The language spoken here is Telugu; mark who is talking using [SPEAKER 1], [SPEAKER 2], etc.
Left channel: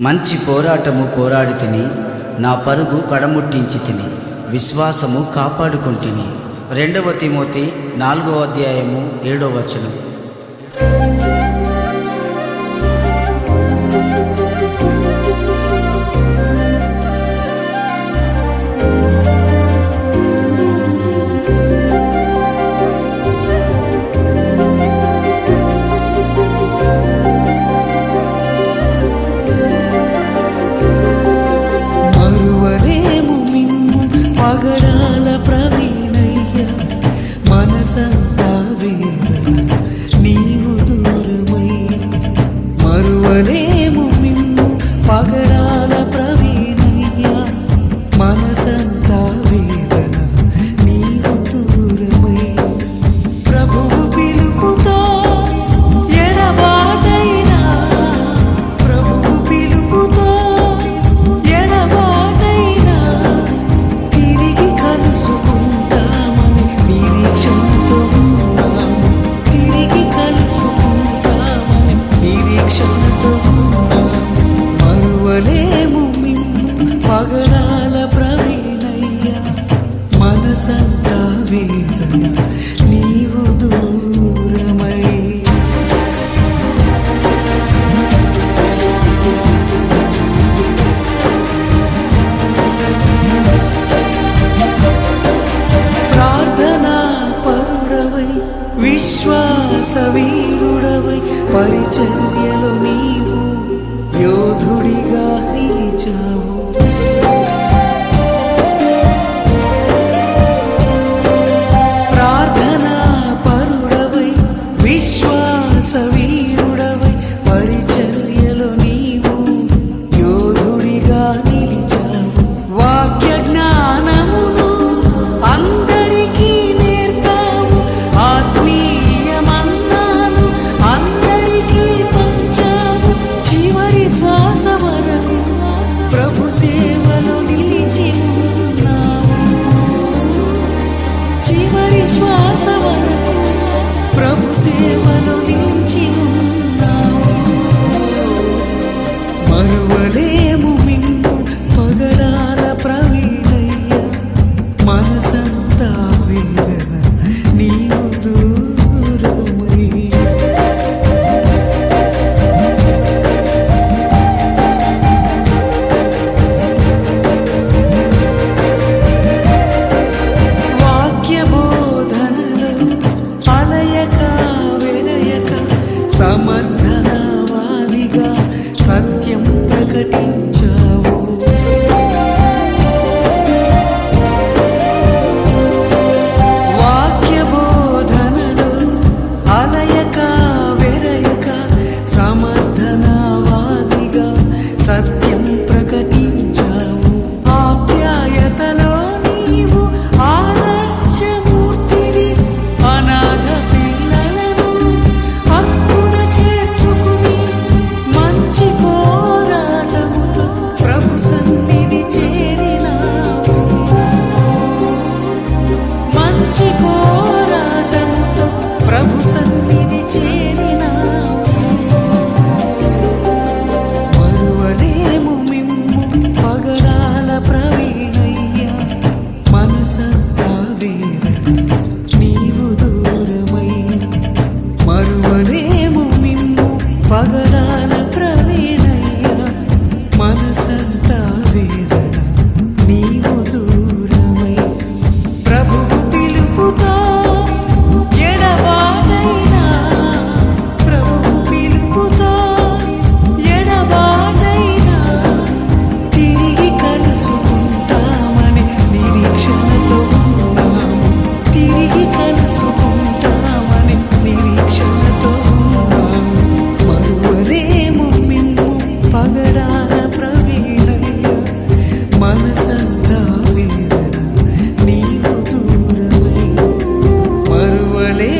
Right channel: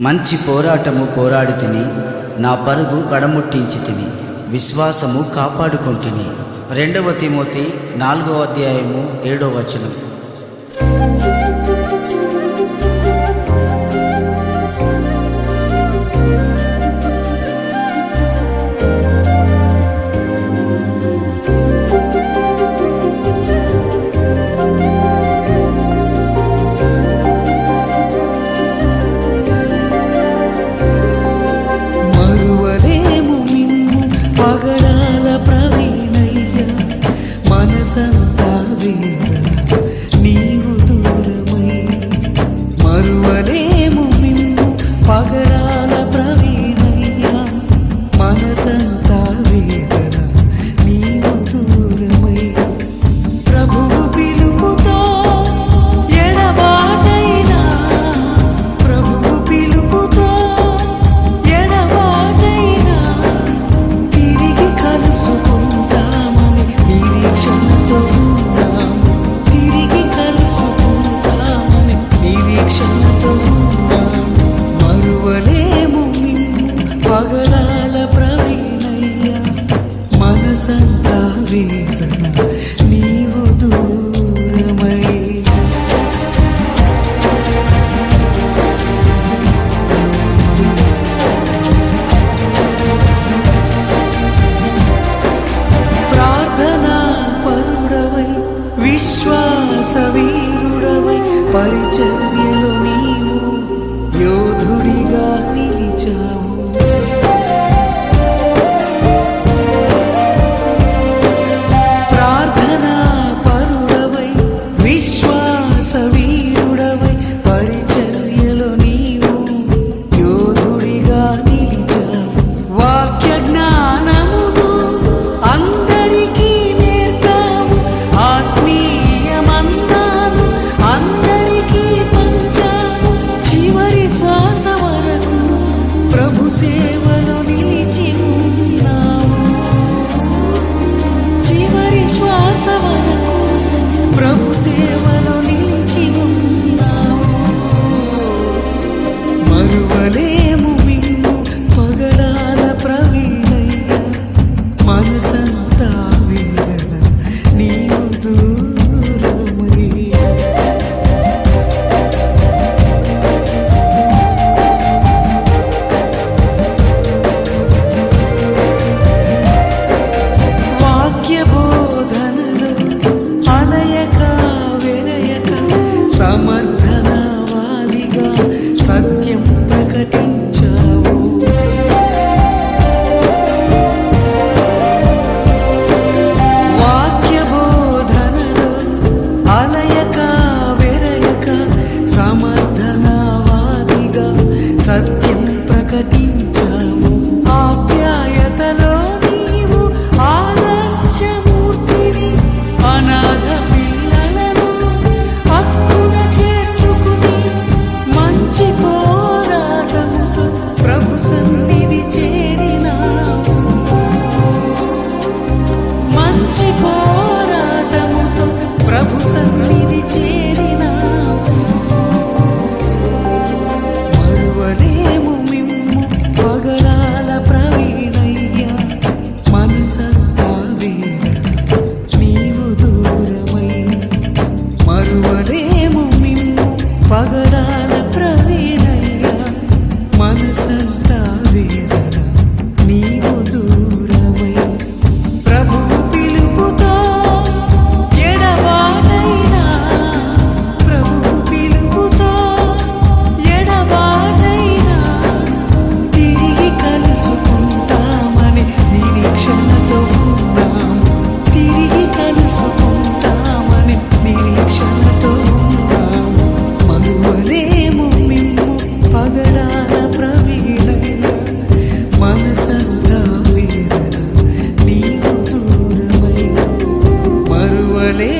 [SPEAKER 1] మంచి పోరాటము పోరాడి తిని నా పరుగు కడముట్టించి తిని విశ్వాసము కాపాడుకుంటుని. రెండవ తిమోతి నాలుగో అధ్యాయము ఏడో వచనం.
[SPEAKER 2] జ్ఞాన ప్రవీణయ్యా. మనసన్న పరిచర్యలు నీవు యోధుడిగా నిలిచావు. సేవలో నిలిచి సమర్థనవాదిగా సత్యం ప్రకటించావు. వాక్య బోధనలు అలయక వెరయక సమర్థనవాదిగా సత్యం ప్రకటించావు. ఆప్యాయతలో నీవు ఆదర్శమూర్తివి అనాథ ఉన్నాము తిరిగి కలుసుకుంటామని నిరీక్షణతో ఉన్నాము మరువలేము మిమ్ము పగడాన ప్రవీణయ్య. మనసంతా వేదన నీవు దూరమై. మరువలే